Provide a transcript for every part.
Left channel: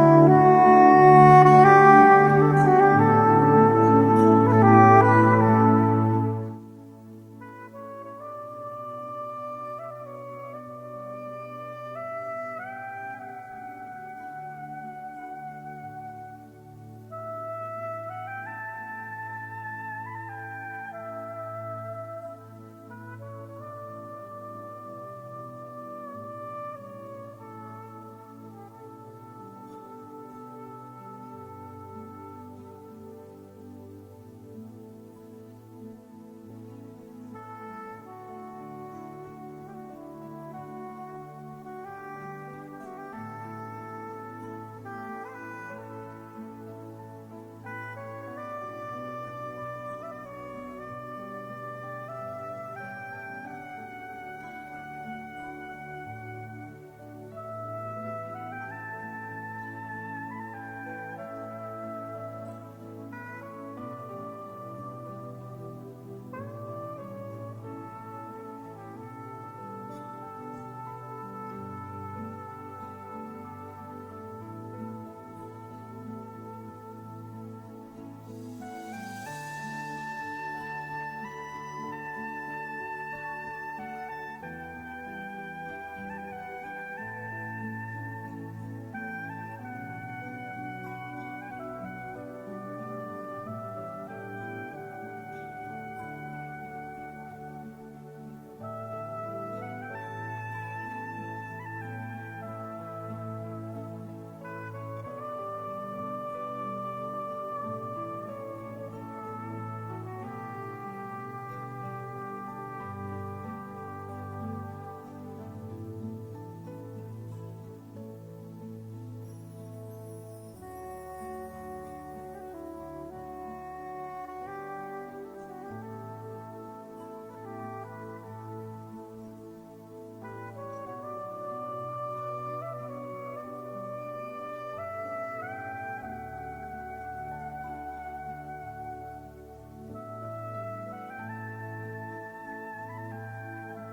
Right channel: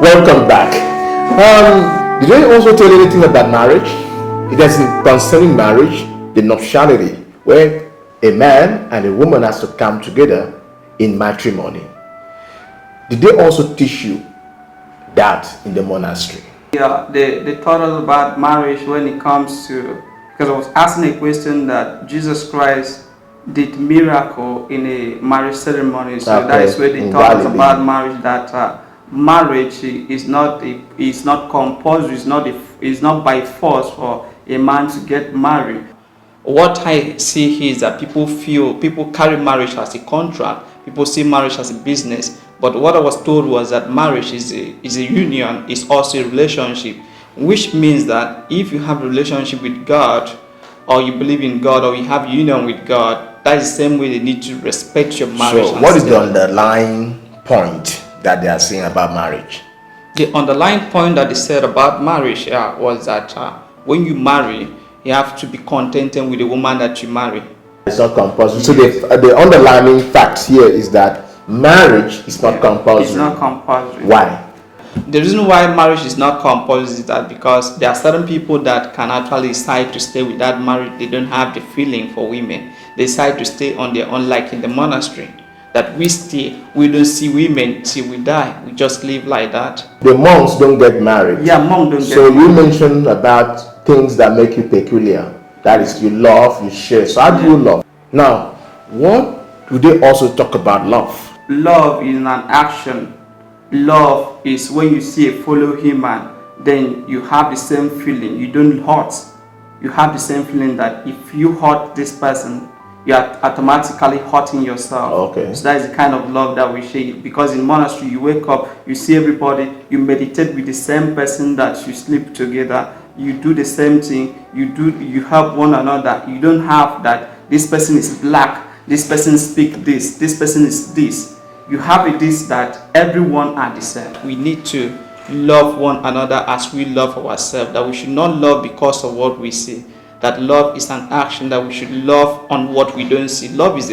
Welcome back. Did I also tell you anything about marriage? Because concerning marriage, the nuptiality, where a man and a woman has to come together in matrimony. Did they also teach you that in the monastery? Yeah, they taught us about marriage when it comes to, because I was asking a question that Jesus Christ did miracle in a marriage ceremony. So that is where they taught us about marriage, that marriage is not compulsory, it's not by force for a man to get married. What I see here is that people carry marriage as a contract, people see marriage as a business. But what I was told was that marriage is a union, is also a relationship, which means that if you have a relationship with God, or you believe in God, or you have union with God, that is the same way they need to respect your marriage. So what is the underlying point that they are saying about marriage? The underlying point that they said about marriage was that when you marry, you have to be contented with the woman that you marry. It's not compulsory. So the underlying fact here is that marriage is not compulsory. It's not compulsory. Why? The reason why marriage is not compulsory is that because there are certain people that can actually decide to stay without marriage. They don't have the feeling for women. They decide to stay on their own, like in the monastery. That we stay, we don't see women till we die. We just live like that. The monks don't get married. Yeah, monks don't get married. So you married. mentioned about things that make you peculiar. That is, you love, you share. So how do you love? Now, what do they also talk about love? Love is an action. Love is when you see a fellow human, then you have the same feeling. You don't hurt. You have the same feeling that if you hurt this person, you are automatically hurting yourself. Okay. So that is the kind of love that we share. Because in monastery, you wake up, you see everybody, you meditate with the same person that you sleep together. You do the same thing. You help one another. You don't have that this person is black, this person speak this person is this. You have it this that everyone are the same. We need to love one another as we love ourselves. That we should not love because of what we see. That love is an action. That we should love on what we don't see. Love is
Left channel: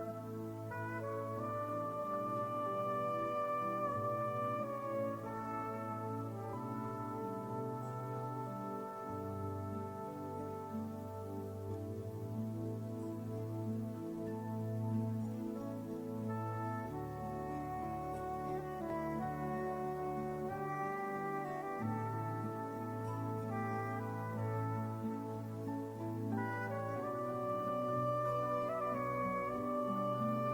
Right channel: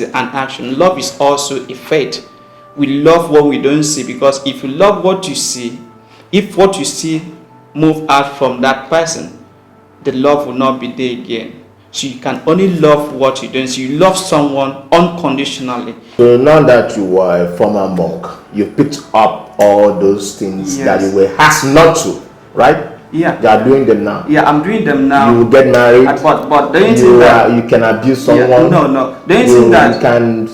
an action. Love is also a faith. We love what we don't see, because if you love what you see, if what you see move out from that person, the love will not be there again. So you can only love what you don't see. You love someone unconditionally. So now that you are a former monk, you picked up all those things that you were asked not to, right? Yeah. You are doing them now. Yeah, I'm doing them now. You will get married. But don't you think that you can abuse someone? Yeah, no. Don't you think that you can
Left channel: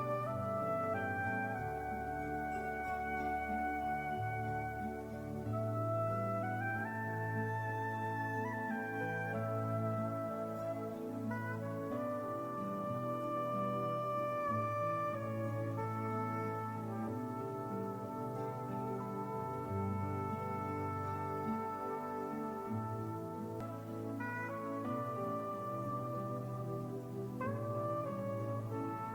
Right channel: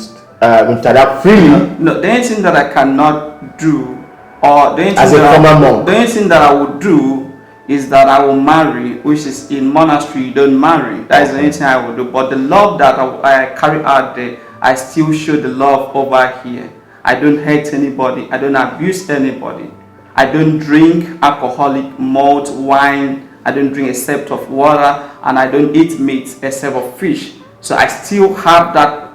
interact freely? No, don't you think that I cannot do, or don't you think as a former monk? Don't you think that I would do is that I will marry, which is in monastery you don't marry. That is the only thing I will do. But the love that I carry out there, I still show the love over here. I don't hate anybody. I don't abuse anybody. I don't drink alcoholic malt, wine. I don't drink except of water, and I don't eat meat except of fish. So I still have that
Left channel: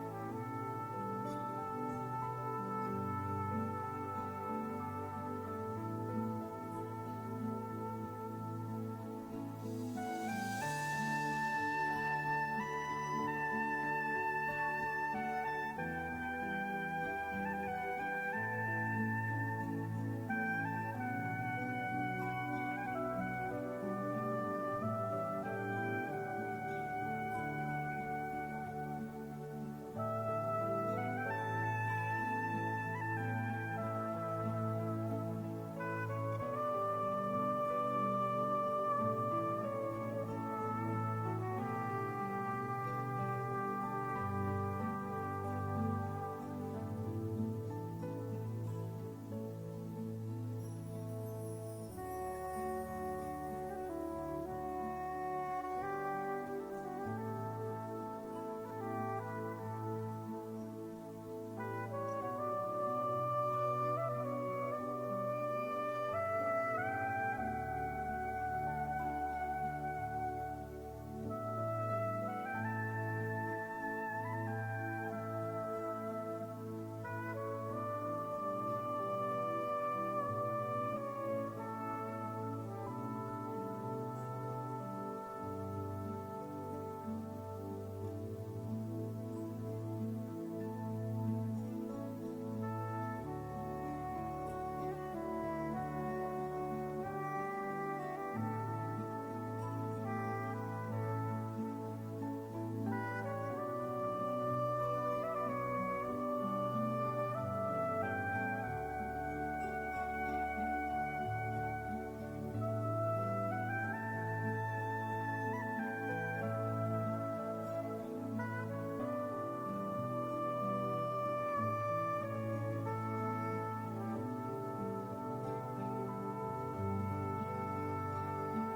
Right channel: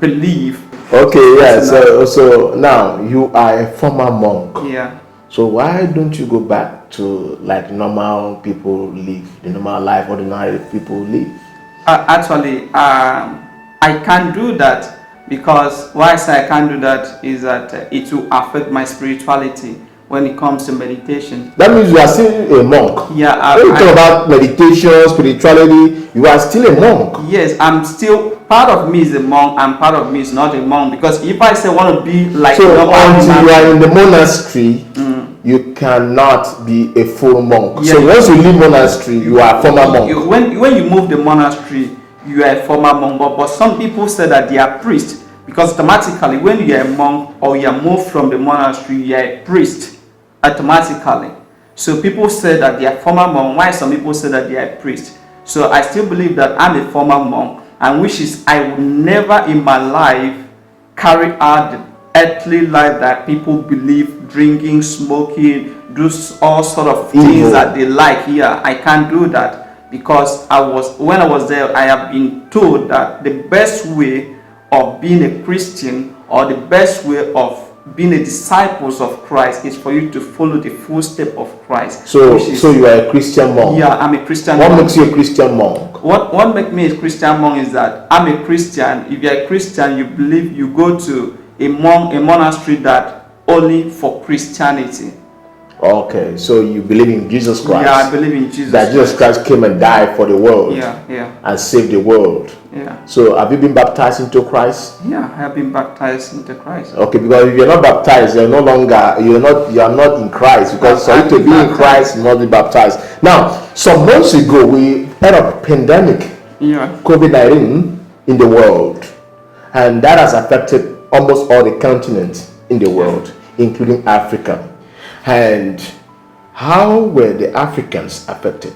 belief. Okay, yeah. So now you are a former monk. Yeah. So why don't you go back to like normal people live, the normal life ordinary people live? Actually, I can't do that, because why I say I can't do that is that it will affect my spirituality when it comes to meditation. That means you are still a monk. Yeah. When you talk about meditation, spirituality, you are still a monk. Yes, I'm still, part of me is a monk and part of me is not a monk, because if I say I want to be like so until you are in the monastery, you cannot be a full monk. Yeah, so once you leave monastery, you are a former monk. When you move the monastery, you are a former monk. But some people say that they are priests, because automatically when you are a monk or you are moved from the monastery, you are a priest automatically. So people say that they are former monk. Why some people say that they are a priest? So I still believe that I'm a former monk, and which is I will never in my life carry out the earthly life that people believe, drinking, smoking, do all sort of things that they like here. I can't do that, because when I was there, I have been told that the best way of being a Christian, or the best way of being a disciple of Christ, is for you to follow the footsteps of Christ. So you are a Christian monk? Yeah, I'm a Christian monk. What makes you a Christian monk? What makes me a Christian monk is that I'm a Christian. If you're a Christian, you believe, you go to a monastery that only for Christianity. Okay, so you believe in Jesus Christ? Yeah, I believe in Jesus. That Jesus Christ came and died for the world. Yeah. And saved the world. Yeah. So have you been baptized into Christ? Yeah, I have been baptized into Christ. Okay, because if you're not baptized, you are not in Christ. Because for you to be in Christ, you must be baptized. Now, some months ago, we had a pandemic, COVID-19, in the world, and that has affected almost all the continents in the world, including Africa. And how were the Africans affected?